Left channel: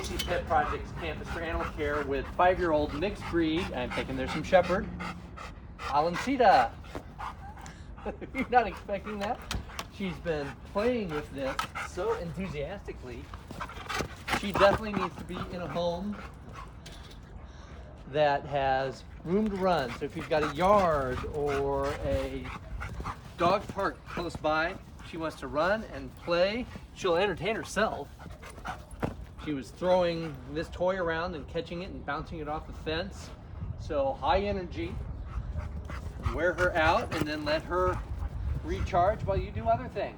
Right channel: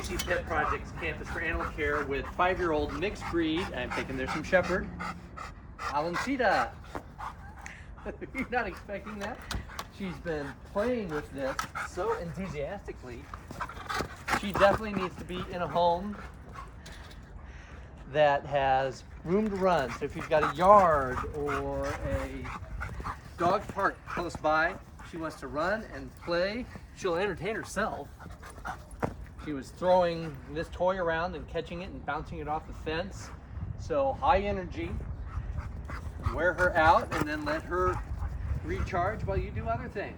Rosie's Pet Project's Campus for Animal Care with 5-year-old mixed breed. I'm thinking there's some Shepherd. Alonsita. You're not expecting that? She's been playing with this so enthusiastically. She definitely needs to be in a home that has room to run. So if you've got a yard or a dog park close by, she wants to run and play. She'll entertain herself. She was throwing this toy around and catching it and bouncing it off the fence. So high energy. Wear her out and then let her recharge while you do other things.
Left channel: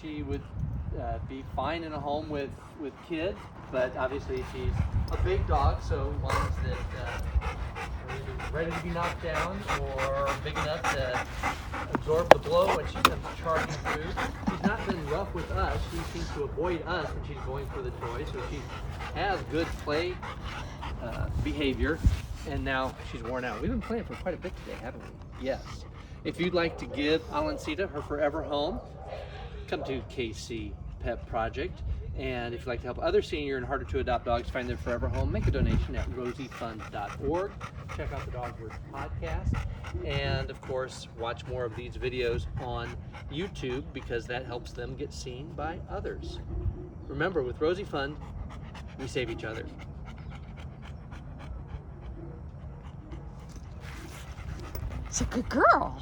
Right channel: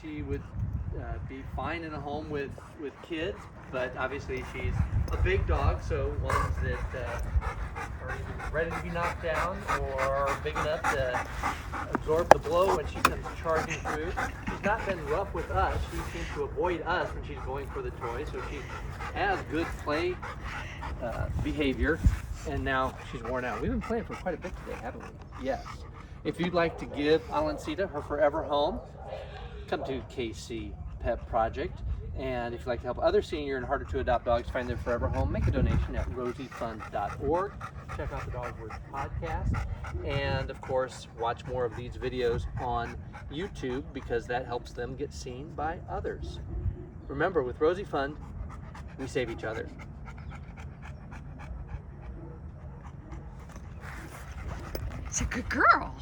She would be fine in a home with kids, but obviously she's a big dog, so ones that are either ready to be knocked down or are big enough to absorb the blow when she comes charging through. She's not been rough with us. She seems to avoid us when she's going for the toy, so she has good play behavior, and now she's worn out. We've been playing for quite a bit today, haven't we? Yes. If you'd like to give Alonsita her forever home, come to KC Pet Project. And if you'd like to help other senior and harder to adopt dogs find their forever home, make a donation at rosiefund.org. Check out the Dogwoods podcast. And of course, watch more of these videos on YouTube because that helps them get seen by others. Remember, with Rosie Fund, we save each other. It's a good girl.